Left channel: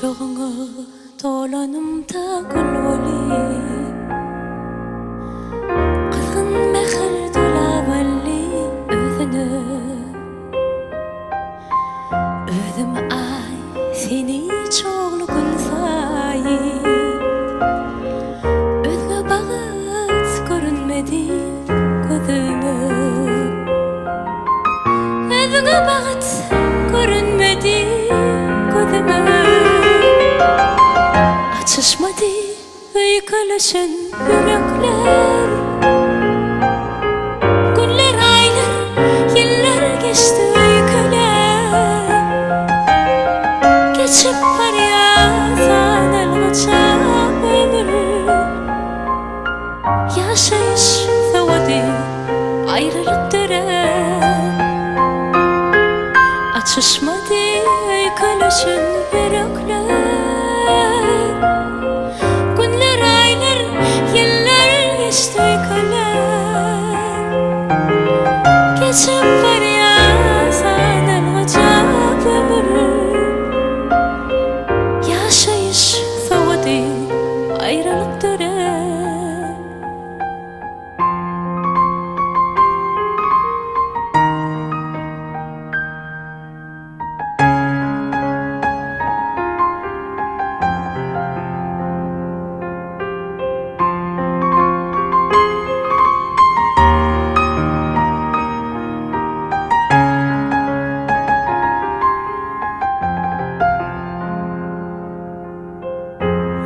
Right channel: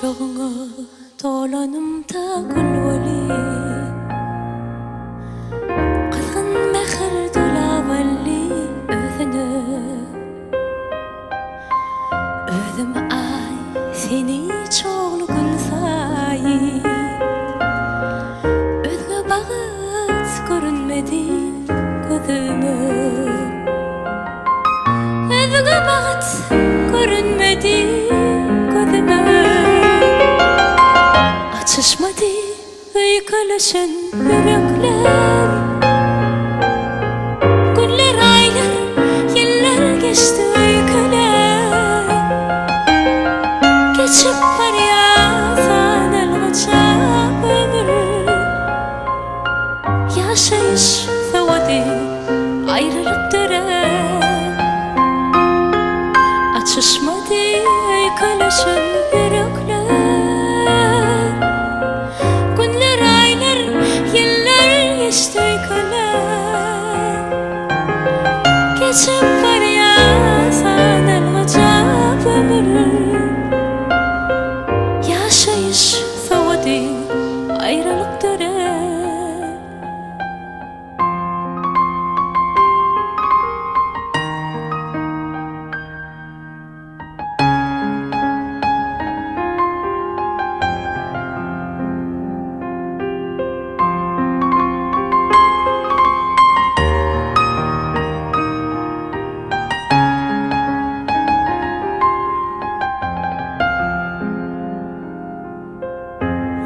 Kucağına dolanımda gül oli Kızgın mehir dolavalli özünü Özüm ay seni çoğlu gün sayi Özgü bağıt görünmedi gözümü Özgü bağıt görünmedi gözüme Açışmadı öyküleşen yürekler Günler, aylar, yıllar geçti öyküler Geçip var ya sanılmaca ömür Yaşayış sevdi ayrılık dönem Açışmadı öyküleşen yürekler Günler, aylar, yıllar geçti öyküler Geçip var ya sanılmaca ömür Yaşayış sevdi ayrılık dönem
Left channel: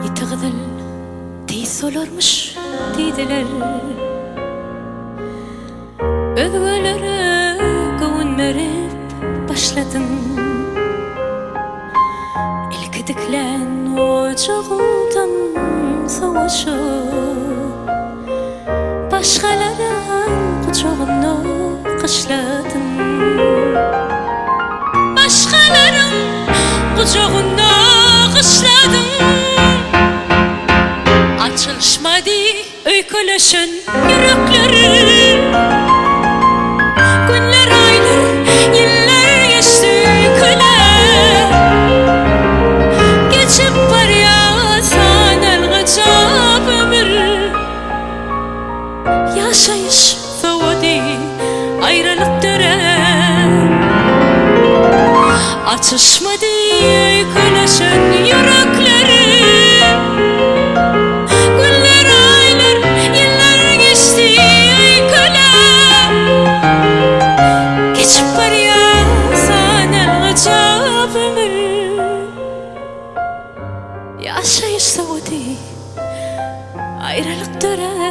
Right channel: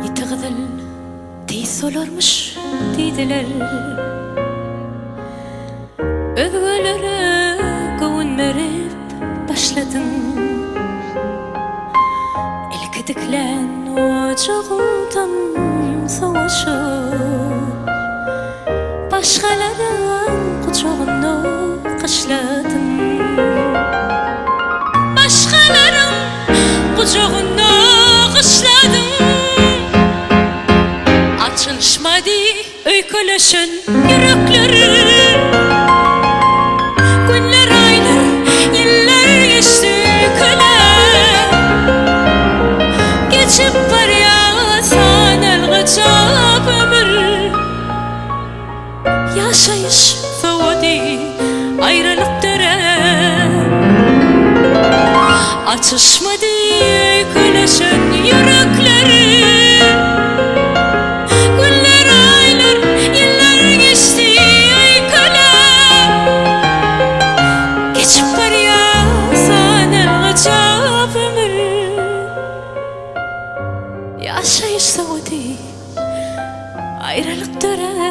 Yitağıdıl tez olarmış dediler Özgölere gövünmerip başladın Elkediklen ocağımdan savaşıp Başkaların kucağına kışladın Başkaların kucağına kışladın Açılışmadı öyküleşen yürekleri Günler, aylar, yıllar geçti öyküler Geçip var ya sanılmaca ömür Yaşayış sevdi ayrılık dönem Açışmadı öyküleşen yürekleri Yaşayış sevdi ayrılık dönem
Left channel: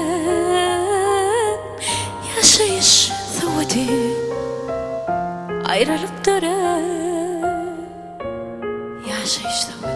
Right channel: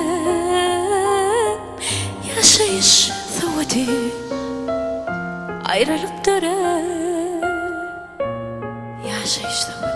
Yaşayış sevdi ayrılık dönem Yaşayış sevdi